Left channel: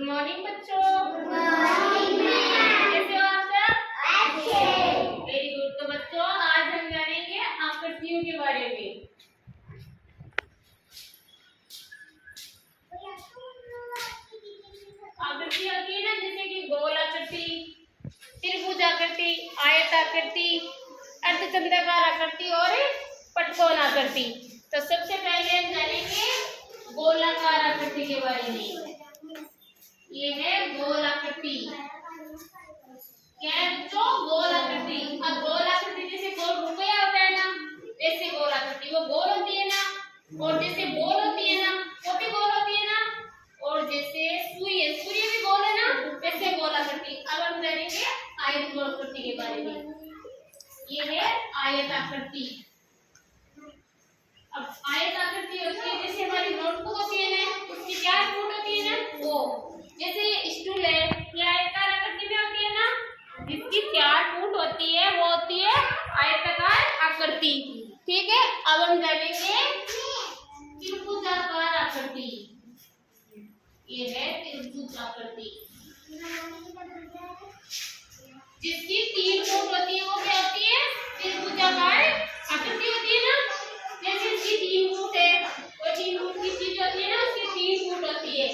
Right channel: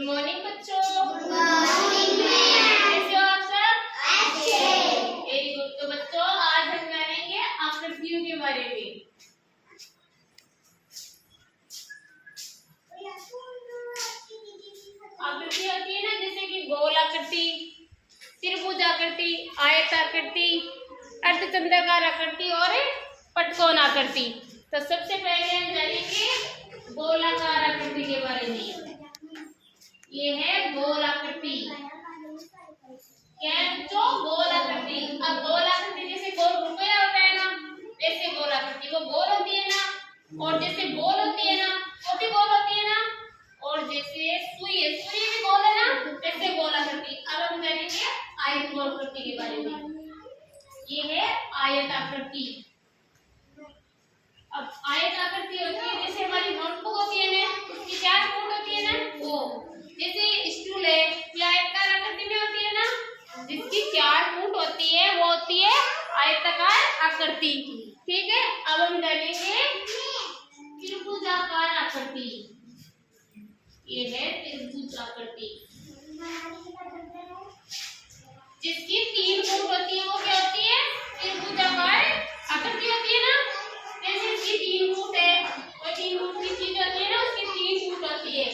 Good morning बच्चों। Good morning ma'am. कैसे हो आप सब? अच्छे। Very good. तो बच्चों आज हम जानेंगे आकृतियों के बारे में। आकृति होती है ना, जैसे कि गोल आकृति, त्रिभुज आकृति, आयताकृति, अर्धचंद्राकार आकृति और पटकोण आकृति। तो सबसे पहले हम जानेंगे गोलाकार आकृति के बारे में। ये है गोल आकृति। क्या है बच्चों? गोल आकृति। अब गोल आकृति जैसे गोल रुपया होता है ना, वैसे गोल आकृति वो गोल होती है ना, और जैसे बॉल होती है ना वो भी गोल होती है ना, और जैसे सूर्य भी गोल है ना, वैसे गोल आकृति। अब हम जानेंगे आयत आकृति के बारे में। ये है आयत आकृति। अब आयत आकृति होती है जैसे हमारी नोटबुक होती है ना, उसकी 4 फुट होती है ना, वो जैसे स्टूल है ये आयताकार आकृति में होती है ना, जिसकी 4 फुट होती है वो होती है आयताकार आकृति। ठीक है। अब हम जानेंगे त्रिभुजाकार आकृति। ये है त्रिभुज आकृति, जिसकी 3 फुट होती है वो क्या होती है? त्रिभुजाकार आकृति होती है ना। जैसे इसकी 3 फुट है और 3 फुट की चीज होती है ना, उसकी 3 फुट होती है।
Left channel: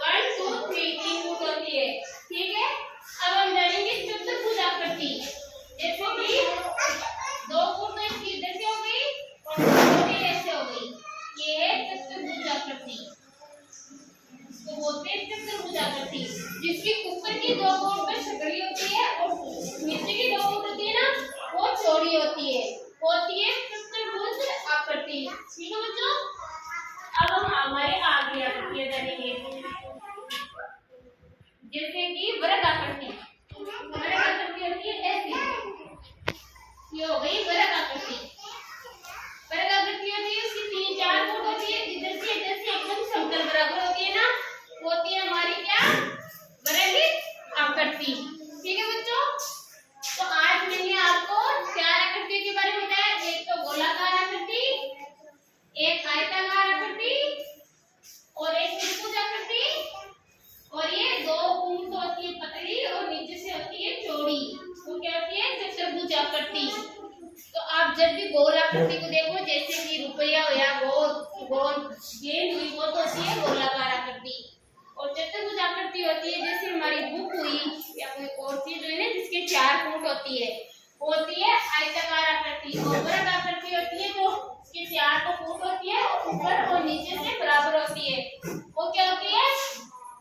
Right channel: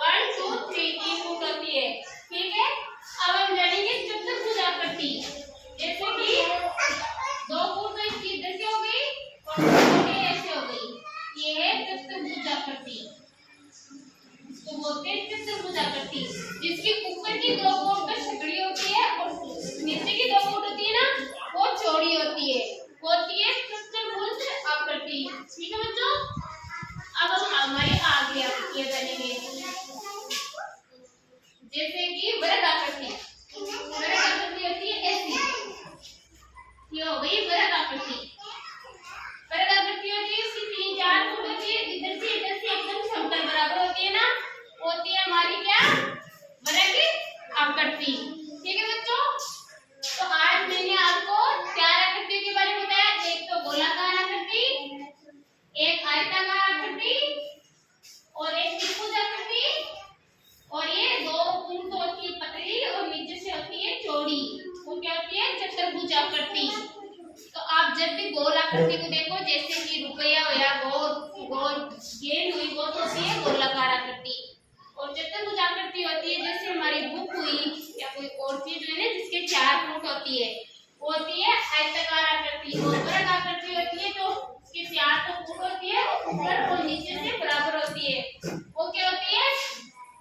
1 2 3 फुट होती है। ठीक है। अब हम जानेंगे चतुर्भुज आकृति। जैसे कि 2 फुट तो इसकी इधर से हो गई और 2 ऐसे हो गई। ये है चतुर्भुज आकृति। इसको बोलते हैं चतुर्भुज आकृति, जिसकी ऊपर की 2 फुट पर सकड़ी होती है और नीचे की 2 फुट होती है ना, वो चौड़ी होती है, होती है चतुर्भुज आकृति। ठीक है बच्चों। अब हम हमारे आगे आकृतियां जानेंगे, जैसे कि वृत्त आकृति। वृत्त आकृति होती है ऐसी, ये हो गई वृत्त आकृति। वृत्त आकृति होती है उसकी 3-4 फुट होती है, इधर से एकदम समतल बराबर होती है ना, होती है हमारी क्या? वृत्त आकृति। ठीक है बच्चों। तो आज मैंने आपको 4 आकृतियों के बारे में बताया। एक तो गोलाकार आकृति, एक आयताकार आकृति, और एक त्रिभुज आकृति, और ये 2 फुट होती है पतली और नीचे से होती है चौड़ी, वो क्या होती है? चतुर्भुज आकृति। तो आप जब भी गोल आकृति को देखो, जैसे कि रुपया हो या गोल गेंद हुई, वो तो होती है गोलाकार आकृति। और चतुर्भुज आकृति होती है जैसे हमारी बुक हुई या कोई और चीज है ना, जिसके 4 फुट होती है, वो होती है आयताकार आकृति। और वृत्त आकृति होती है जो इसकी 4 फुट होती है, ऊपर और नीचे से बराबर होती है, वो क्या होती है?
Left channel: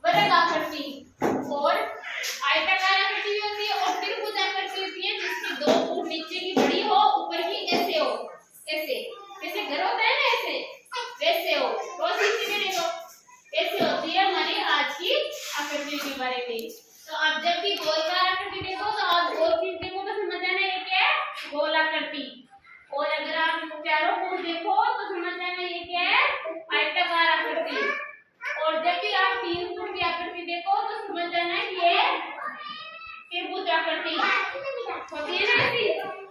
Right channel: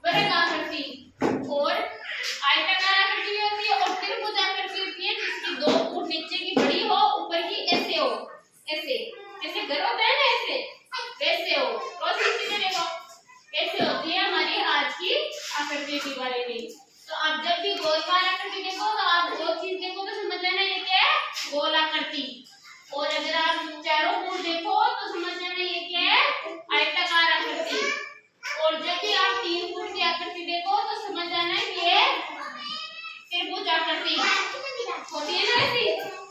वृत्त आकृति। और आयताकार आकृति होती है और त्रिभुज आकृति होती है जिसकी 2 फुट नीचे की बड़ी हो, ऊपर की ऐसे हो, ऐसे जैसे घर होता है ना, ऐसे वैसे हो। रोज नीचे देखो कैसे होती है हमारी आज की आकृति के बारे में। तो आप जब भी गोलाकार आकृति देखो तो आप वो चीज देखो तो समझ जाना ये क्या है? गोल आकृति। और अगर आप चारों फुट देखो तो समझ जाना ये क्या है? आयताकार आकृति। और जब भी आप 3 फुट की आकृति देखो तो समझ जाना ये त्रिभुज आकृति होती है ना ऐसी।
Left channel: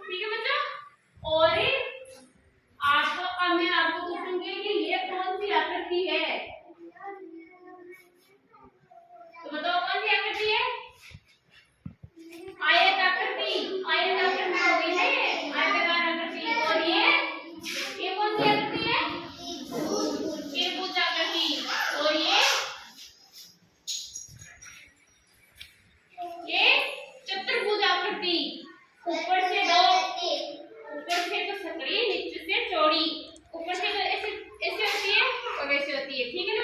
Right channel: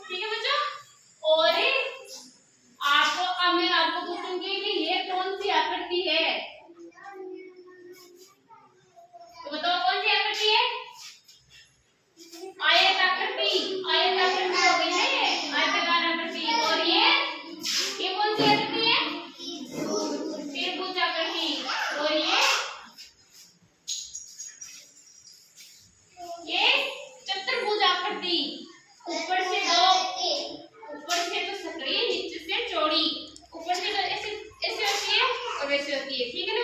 ठीक है बच्चों। और मैं आपको पूछूंगी कि ये कौन सी आकृति है, तो बताओ कौन सी आकृति है? आयत आकृति। आयत आकृति हो गई है ये आयताकार आकृति। और ये कौन सी आकृति है? त्रिभुज आकृति। और ये चतुर्भुज आकृति। ऊपर से तो सकड़ी, नीचे से चौड़ी। ऊपर से तो ऐसे होती है और वैसे होती है। ठीक है।